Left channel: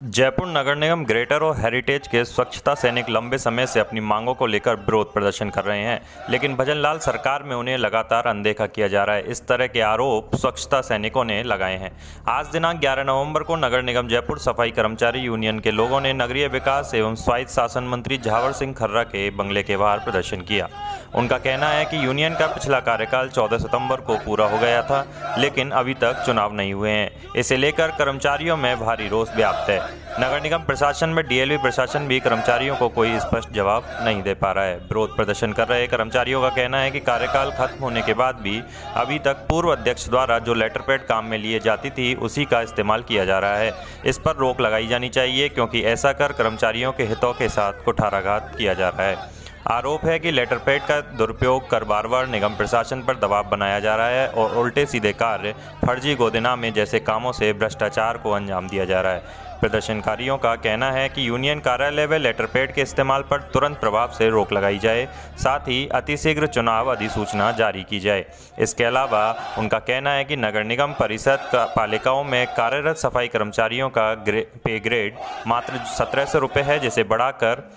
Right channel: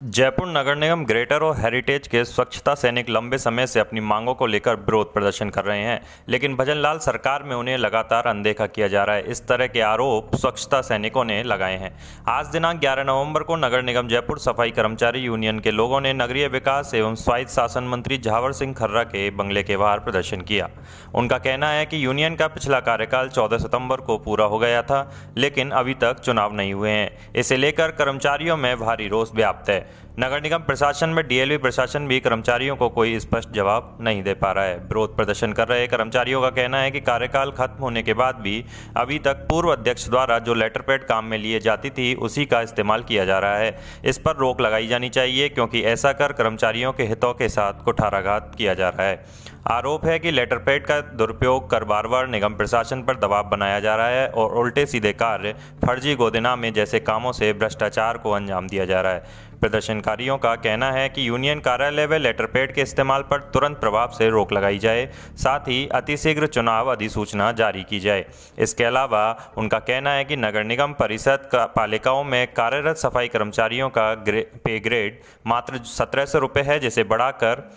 जयपुर नगर निगम greater और heritage के स्वच्छता सैनिक लंबे समय से अपनी मांगों को लेकर विरोध प्रदर्शन कर रहे हैं, लेकिन भजनलाल सरकार में उन्हें लगातार अनदेखा किया जा रहा है। इस तरह के आरोप स्वच्छता सैनिकों ने लगाए हैं। आज दिनांक 11 नवंबर को नगर निगम जयपुर सफाई कर्मचारी यूनियन के लोगों ने नगरीय विकास एवं स्वायत्त शासन मंत्री झावर सिंह खर्रा के बंगले के बाहर प्रदर्शन किया। उनका कहना है कि यूनियन का पिछला कार्यकाल 14 सितंबर को पूरा हो गया था, लेकिन अभी तक चुनाव नहीं हुए हैं। इसे लेकर कर्मचारियों में भारी रोष व्याप्त है। नगर निगम प्रशासन में डीएलवी प्रशासन भी कर्मचारियों को कोई स्पष्ट जवाब नहीं दे पा रहा है। विरोध प्रदर्शन कर रहे कर्मचारियों का कहना है कि कार्यकाल खत्म होने के बाद भी अभी तक पूर्व अध्यक्ष द्वारा जो लेटर पैड काम में लिए जाती थी उसी का इस्तेमाल किया जा रहा है। इस पर रोक लगाई जानी चाहिए, क्योंकि ऐसा कर कर्मचारियों के हितों के साथ कुठाराघात किया जा रहा है। आरोप है कि लेटर पैड का दुरुपयोग कर बार बार निगम प्रशासन पर दबाव बनाया जा रहा है और उल्टे सीधे कार्य, फर्जी गोदेनामे जैसे कामों से भ्रष्टाचार को अंजाम दिया जा रहा है। प्रदर्शनकारियों का कहना है कि यूनियन कार्यालय व लेटर पैड के इस्तेमाल पर तुरंत प्रभाव से रोक लगाई जाए, साथ ही अतिशीघ्र चुनाव अधिसूचना जारी की जाए। इसके अलावा उनका कहना है कि नगर निगम परिषद पालिकाओं में कार्यरत सफाई कर्मचारियों का पे ग्रेड मात्र 1700 रुपये है, जिसे बढ़ाकर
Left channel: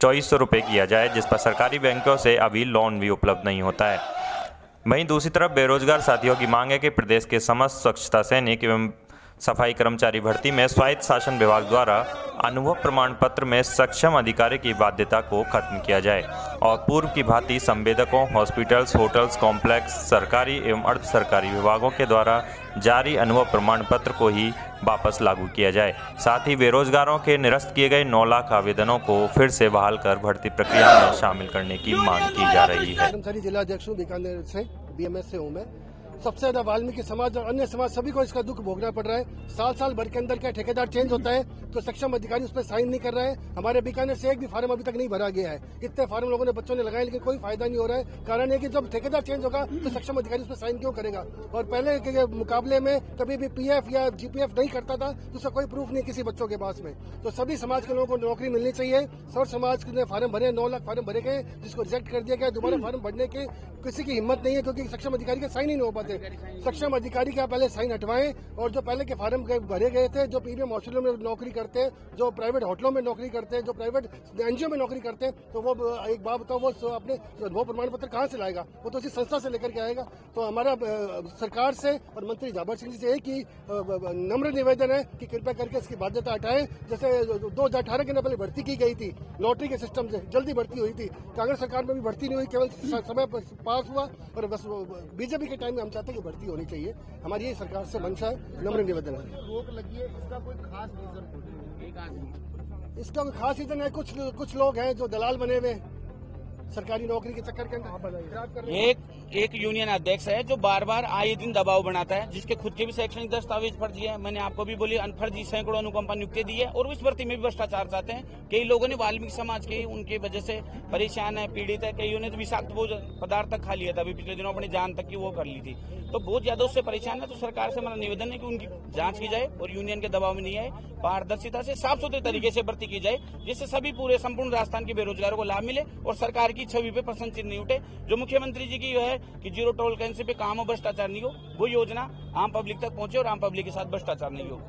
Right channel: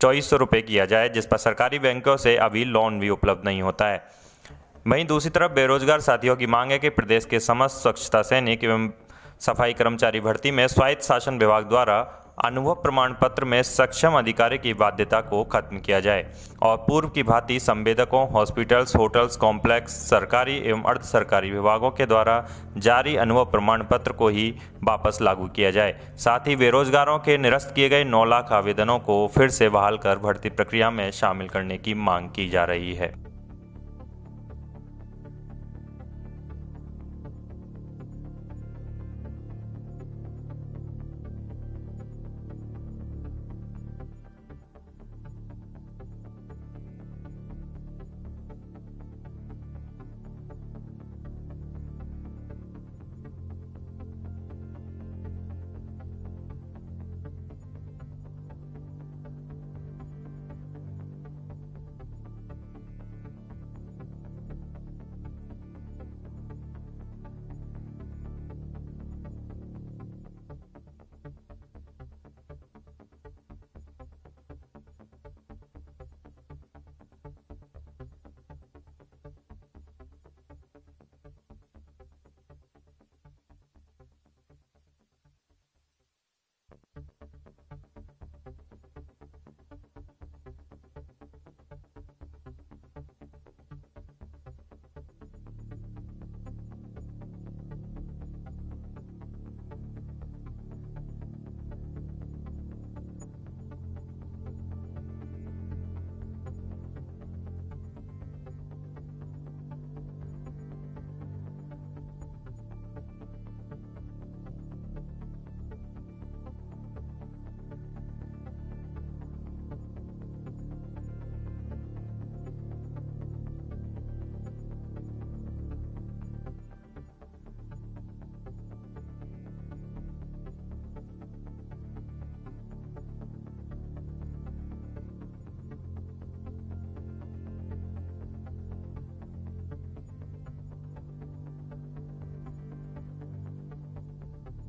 2400 रुपये किया जाए, जिस पर सरकारी बैंकों से अभी लोन भी उपलब्ध नहीं होता है। वहीं दूसरी तरफ बेरोजगार साथियों की मांग है कि प्रदेश के समस्त स्वच्छता सैनिक एवं सफाई कर्मचारी भर्ती में स्वायत्त शासन विभाग द्वारा अनुभव प्रमाण पत्र में सक्षम अधिकारी की बाध्यता को खत्म किया जाए और पूर्व की भांति संवेदकों, हॉस्पिटल्स, होटल्स, कॉम्प्लेक्स, सरकारी एवं अर्ध सरकारी विभागों के द्वारा जारी अनुभव प्रमाण पत्र को ही वापस लागू किया जाए। साथ ही बेरोजगारों के निरस्त किए गए 9 लाख आवेदनों को फिर से बहाल कर भर्ती प्रक्रिया में शामिल करने की मांग की जा रही है। सबसे ज्यादा वाल्मीकि समाज और अन्य समाज सभी को इसका दुख भोगना पड़ रहा है। साल भर के अंदर क्या ठेकेदार चेंज होता है तो सक्षम अधिकारी उस पर साइन नहीं कर रहा है। हमारे बीकानेर से एक भी फार्म अभी तक नहीं भरा गया है। कितने फार्म लोगों ने बच्चों ने लगाए, लेकिन कोई फायदा नहीं हो रहा है। कारण है कि जब ठेकेदार चेंज होगा तो सक्षम अधिकारी उस पर साइन क्यों करेगा। और पहले के मुकाबले में कभी भी पीएफ या जीपीएफ नहीं करता था तो उसका कोई प्रूफ नहीं किसी बच्चों के पास में। तो सभी समाज के लोगों को नौकरी मिलनी चाहिए। सर्व समाज ने फार्म भरे, 9 लाख फार्म भरे गए, जिसको रिजेक्ट कर दिया गया। दोबारा फार्म भरने की किसी की हिम्मत नहीं है, क्योंकि सक्षम अधिकारी के साइन ही नहीं हो पाते। सक्षम अधिकारी का पहले साइन हटवाएं और जो पहले के फार्म भरे गए थे, जो प्रीमियम हॉस्पिटलों में नौकरी करते हैं, जो प्राइवेट होटलों में नौकरी करते हैं, जो प्राइवेट एनजीओ में नौकरी करते हैं, तो वो एक बात बताओ, वो अपने अनुभव प्रमाण पत्र कहाँ से लाएगा? वो तो उसी संस्था से लेकर के आएगा। तो हमारा सरकार से और मंत्री झावर सिंह जी से एक ही नम्र निवेदन है कि कृपया करके इसकी बाध्यता हटाएं। जैसे 2018 के अंदर पहले भर्ती की गई थी लॉटरी के सिस्टम से, जल्दी भर्ती हुई थी। कांग्रेस सरकार में भी भर्ती नहीं हुई, केवल समय पास हुआ। और बस बीजेपी के टाइम में हम चाहते हैं कि भर्ती होनी चाहिए। हमारी ये सरकार से मंशा है, नम्र निवेदन है। रोक लगी है, इसका कोई खास रीजन? इसका कोई खास रीजन है, कुछ लोग हैं जो दलाल बने हुए सरकारी नौकरी के चक्कर के अंदर। एक यूनियन अध्यक्ष है जो बार बार आए दिन दबाव बनाता है, जिसके खुद के भी शैक्षणिक दस्तावेज फर्जी है। मैंने आपको भी बोली फर्जी सैकड़ों अनुकंपा नियुक्ति दी है और इस भर्ती में भी भ्रष्टाचार चाहते हैं। कई लोगों ने वाल्मीकि समाज के उनके वजह से परेशान है, पीड़ित है। कईयों ने तो विषाक्त भोजन पदार्थ तक खा लिया था, अभी पिछले दिनों अपनी जान तक की वो कर ली थी। तो बहुत ज्यादा उससे परेशान है। तो सरकार से हमारा निवेदन है कि उनकी जांच की जाए और यूनियन के दबाव में नहीं आए, पारदर्शिता से साफ सुथरे तरीके से भर्ती की जाए, जिससे सभी पूरे संपूर्ण राजस्थान के बेरोजगारों को लाभ मिले और सरकार की छवि पे प्रश्न चिन्ह नहीं उठे। जो मुख्यमंत्री जी की है कि जीरो टॉलरेंस पे काम हो, भ्रष्टाचार नहीं हो, वो योजना आम पब्लिक तक पहुंचे और आम पब्लिक के साथ भ्रष्टाचार नहीं हो।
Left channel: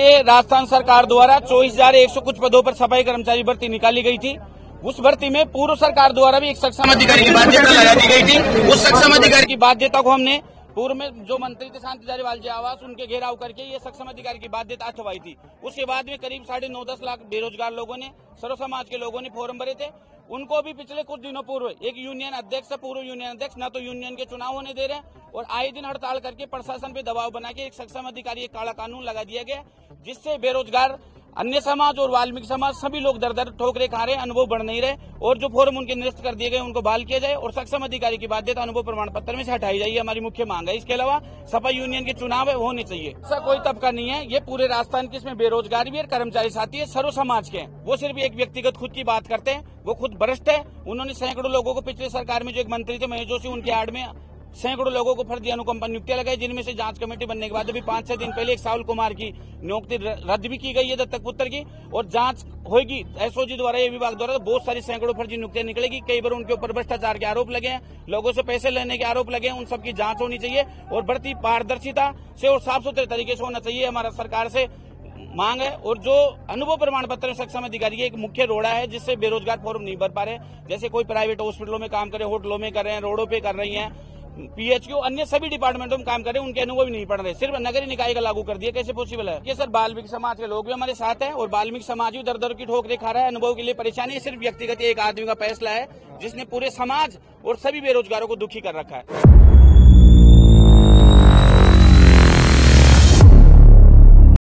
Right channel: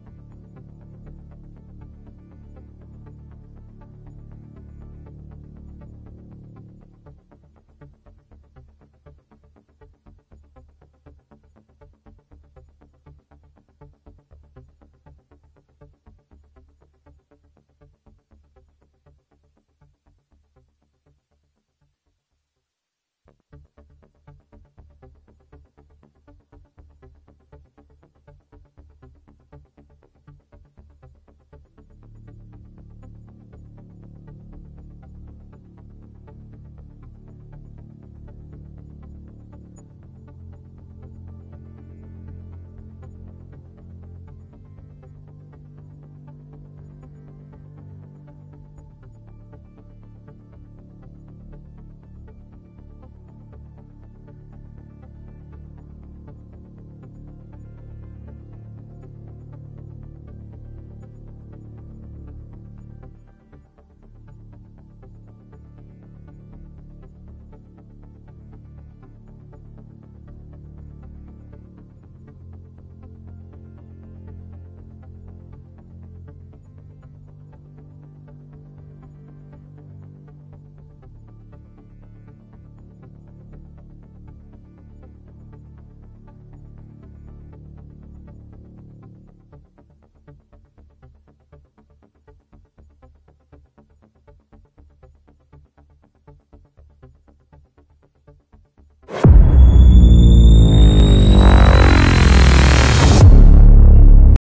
ये राजस्थान सरकार द्वारा 24,100 कुछ पदों पर सफाई कर्मचारी भर्ती निकाली गई थी। उस भर्ती में पूर्व सरकार द्वारा भी एक सक्षम अधिकारी की बाध्यता लगा दी गई थी। उस सक्षम अधिकारी की बाध्यता को हमने पूर्व में जो मंत्री थे शांति धारीवाल जी आवास, उनके घेराव करके ये सक्षम अधिकारी की बाध्यता हटवाई थी। उसके बाद में करीब 9.5-10 लाख बेरोजगार लोगों ने, सर्व समाज के लोगों ने फॉर्म भरे थे। उनको भी पिछले कुछ दिनों पूर्व एक यूनियन अध्यक्ष, पूर्व यूनियन अध्यक्ष न तो यूनियन के चुनाव होने दे रहे हैं और आए दिन हड़ताल करके प्रशासन पे दबाव बना के एक सक्षम अधिकारी, एक काला कानून लगा दिया गया, जिससे बेरोजगार अन्य समाज और वाल्मीकि समाज सभी लोग दर ठोकरे खा रहे हैं, अनुभव बढ़ नहीं रहे। और जो फॉर्म उनके निरस्त कर दिए गए उनको बहाल किया जाए और सक्षम अधिकारी की बाध्यता अनुभव प्रमाण पत्र में से हटाई जाए, हमारी मुख्य मांग है। इसके अलावा सफाई यूनियन के चुनाव है वो होने चाहिए। ऐसा कोई तबका नहीं है, ये पूरे राजस्थान के, इसमें बेरोजगार भी है, कर्मचारी साथी है, सर्व समाज के हैं। वो सिर्फ एक व्यक्तिगत खुद की बात करते हैं, वो खुद भ्रष्ट है। उन्होंने सैकड़ों लोगों को पिछले सरकार में जो एक मंत्री थे महेश जोशी, उनके आड़ में सैकड़ों लोगों को फर्जी अनुकंपा नियुक्तियां लगाई, जिनमें से जांच कमेटी बनने के बाद अभी 5-6 दिन पहले एक साहुल कुमार की नियुक्ति रद्द भी की गई है दत्तक पुत्र की, और जांच होगी एसओजी द्वारा, ये विभाग द्वारा। तो बहुत सारी सैकड़ों फर्जी नियुक्तियां निकलेगी। कई बार उनके ऊपर भ्रष्टाचार के आरोप लगे हैं, लोगों से पैसे लेने के आरोप लगे हैं, उन सबकी जांच होनी चाहिए और बढ़ती पारदर्शिता से और साफ सुथरे तरीके से होना चाहिए। हमारा सरकार से मांग है। और जो अनुभव प्रमाण पत्र सक्षम अधिकारी एक मुख्य रोड़ा है जिससे बेरोजगार फॉर्म नहीं भर पा रहे, जैसे कोई प्राइवेट हॉस्पिटलों में काम करे, होटलों में कर रहे हैं, रोडों पे कर रही हैं, पीएचक्यू अन्य सभी डिपार्टमेंटों में काम कर रहे हैं, उनके अनुभव नहीं पड़ रहे, सिर्फ नगर निकाय का लागू कर दिया, कैसे पॉसिबल है? ये सर वाल्मीकि समाज के लोग भी हमारे साथ हैं और वाल्मीकि समाज भी दर दर की ठोकरें खा रहा है, अनुभव के लिए परेशानी। सिर्फ व्यक्तिगत एक आदमी का फैसला है जिसने पूरे समाज और सभी बेरोजगारों को दुखी कर रखा है।